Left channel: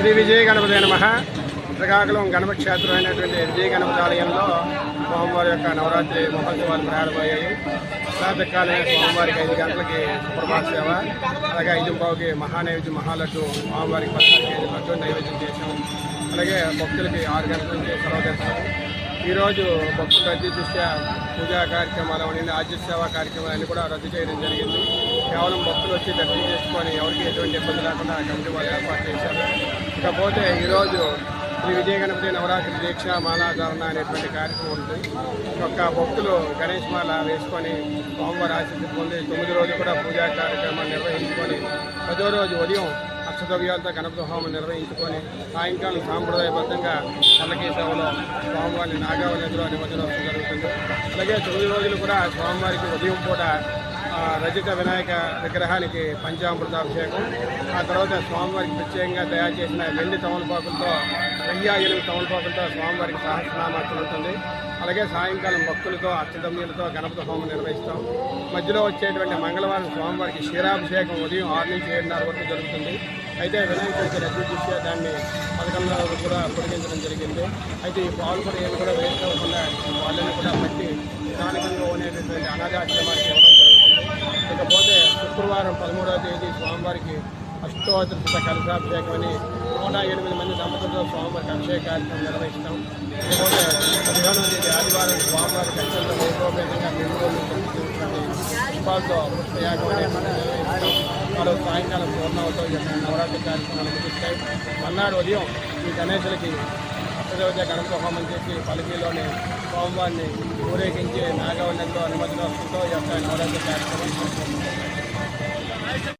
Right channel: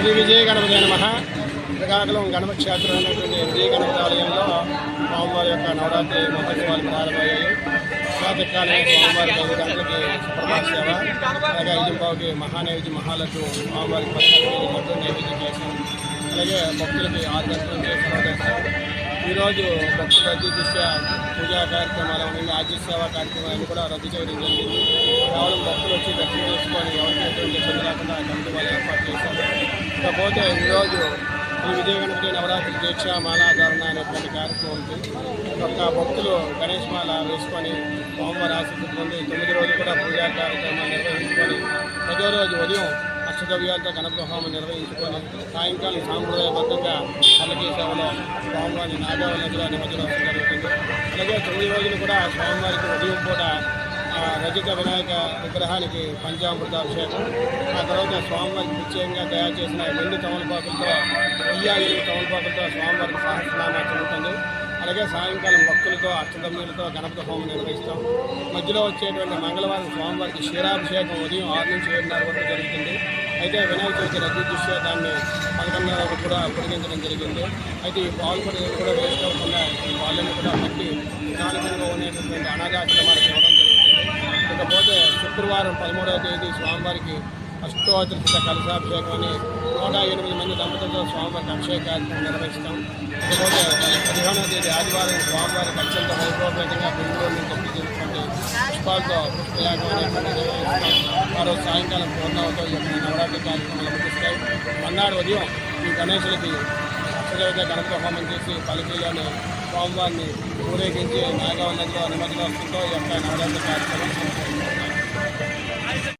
శ్రీ విజయ గణపతి నమః. శ్రీకాకుళం గణపతి క్షేత్రమైనటువంటి విజయ గణపతి ఆలయంలో స్వామివారి యొక్క నవరాత్రి మహోత్సవాలు ప్రారంభమయ్యాయి. ప్రాతకాలమే స్వామివారికి 5 గంటలకి సుప్రభాత సేవ, అలాగే 5:15కి మహానైవేద్యం మహాలడ్డు స్వామివారికి 14 కేజీల లడ్డు నైవేద్యం చేసాం. అలాగే భక్తులకి 6 గంటల నుంచి సర్వదర్శనం. ఈరోజు భక్తుల రద్దీ దృష్ట్యా పూజా కార్యక్రమాలు అన్ని ఆర్జిత సేవా కార్యక్రమాలన్నీ కూడా రద్దు చేయడం జరిగింది. కేవలం భక్తులు వచ్చి దర్శనం చేసుకొని ఎవరికి ఎటువంటి ఇబ్బంది లేకుండా కమిటీ వాళ్ళు ఏర్పాటు చేశారు. ఇకపోతే ఈరోజు శ్రీ విజయ గణపతి నవరాత్రి దీక్ష మాలాధారణ అనేటువంటి కార్యక్రమం ఉంది. ఒక్క భక్తులు గణేష్ మాల వేసుకొని స్వామివారి ఆశీస్సులు పొంది 9 రోజులు కూడా పూజా కార్యక్రమాలు నిర్వహించుకొని 10వ రోజు ఉదయం అష్టద్రవ్యాలతో గణపతి హోమం నిర్వహించుకొని సాయంకాలం సాంప్రదాయబద్ధంగా పల్లకీ సేవలో స్వామివారిని నాగావళి నదిలో నిమజ్జనోత్సవం జరుగుతుంది. అలాగే 9 రోజులు కూడా స్వామివారికి ఉదయం పూట రజిత వినాయక విగ్రహానికి పంచామృతాభిషేకం, ఆ తర్వాత స్వామివారికి ప్రత్యేకంగా తయారు చేసిన వెండి తమలపాకులతో 1008 తమలపాకులతో స్వామివారికి సహస్రనామార్చన ఉంటుంది. అలాగే సాయంకాలం భక్తులతో అష్టదమ్యులతో గణపతి హోమం నిర్వహిస్తాం. మధ్యలో వచ్చేటువంటి మంగళవారం స్వామివారికి క్షీరాభిషేకం ఉదయం 6 నుంచి 7:30 వరకు జరుగుతుంది. అయితే వినాయక చవితి రద్దీ దృష్ట్యా దాన్ని 11:30 వరకు కూడా పొడిగించడం జరిగింది. అయితే ఈ పాలు కూడా ఏమి కూడా వేస్ట్ అవ్వకుండా ఈ పాలన్నీ కూడా పట్టి స్థానికంగా ఉండేటటువంటి అనాథాశ్రమానికి ఇవ్వడం జరుగుతుంది. ఇకపోతే శుక్రవారం 13వ తేదీ స్వామివారికి అష్టోత్తర కలశాభిషేకం అని 108 మంది దంపతులతో స్వామివారికి అభిషేక కార్యక్రమం నిర్వహిస్తాం. ఇకపోతే 15వ తేదీ ఆదివారం స్వామివారికి అత్యంత వైభవపేతంగా బెంగళూరు నుంచి తెప్పించినటువంటి పుష్పాలతో పుష్పయాగం అనేటువంటి నిర్వహిస్తాం. మరో సాయంకాలం పూర్ణవతో ఈ యొక్క నవరాత్రి కార్యక్రమాలు ముగిస్తాయి. మన్నాడు ఉదయం ఈ గణేశులకి అష్టదేవత గణపతి హోమం చేసి పలకీలోని స్వామివారిని ఊరేగించి నాగావళి నదిలో నిమజ్జనోత్సవంతో ఈ యొక్క నవరాత్రి కార్యక్రమం సంపూర్ణమవుతాయి.